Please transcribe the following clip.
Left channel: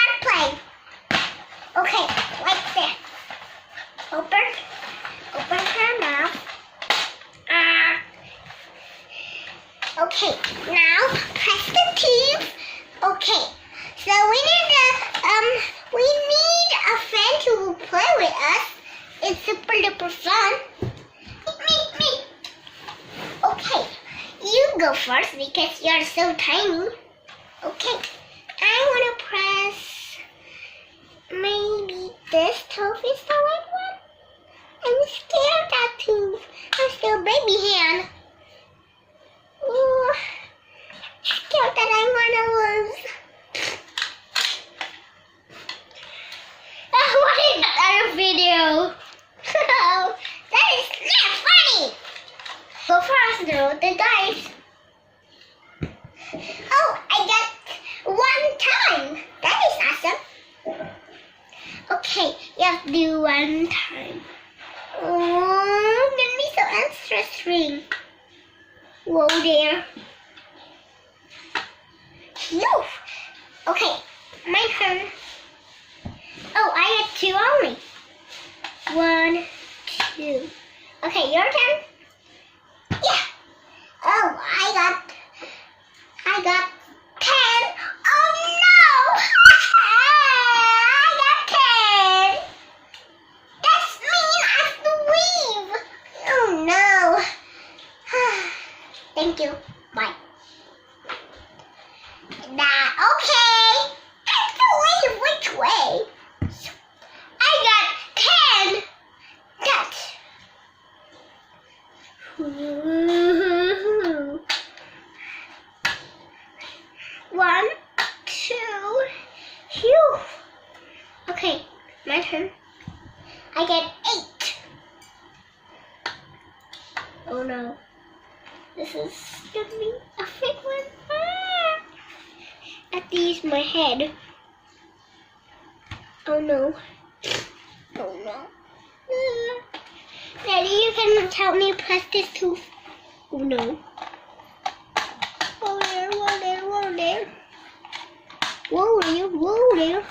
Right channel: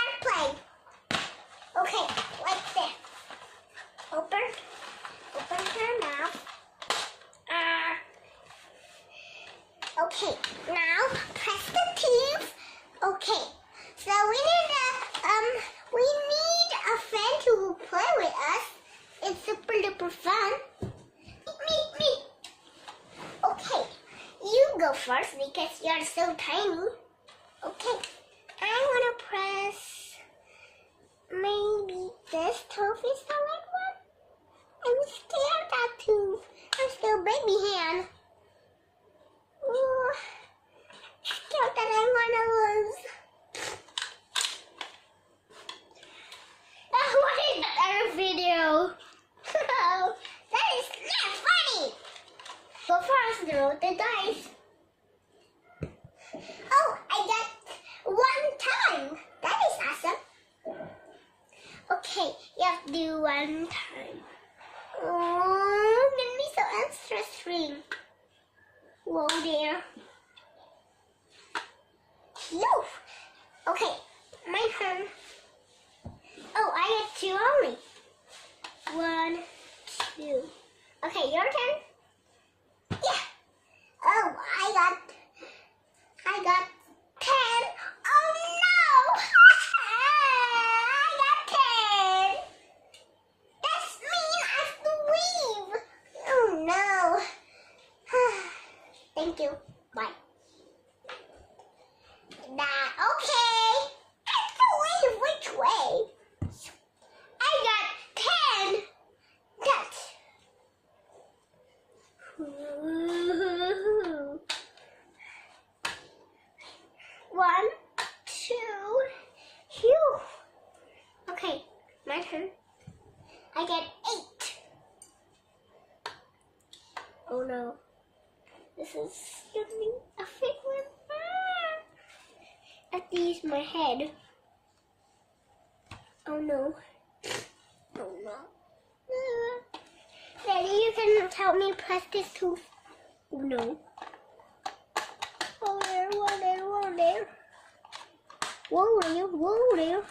start playing. Okay, like this. Open her mouth. Okay, now press the keys. Okay, so we need a friend to play with us. It's super duper fun. Me. Okay, you go first because you're so tiny. Okay, I want to press maybe this tooth is the right one. I'm scared of that tooth. I'm still baby hand. Ooh, scared that I'm gonna lose. What is that other video? That is not funny. Go first, throw the dice. Oh, I got one time. That is awesome. Okay, you have to do one time. Oh, gonna be so interesting. Whoa there. Phew. Okay, my turn. Oh, I had two only. 1, 2. Okay, your turn. Yeah. Oh, I got 10. Oh no! I got 10. That's mean I have to leave. Oh no. Thank you. Bye. Okay. I have to leave. Which way? I got 10. That's. 1, 2. Phew. Okay, my turn. I get 8. Oh no. This is gonna be a fake one. I have to use my head. Oh no. Oh no. Daddy, you can help me press this tooth. Oh no. Whoa there. Whoa there.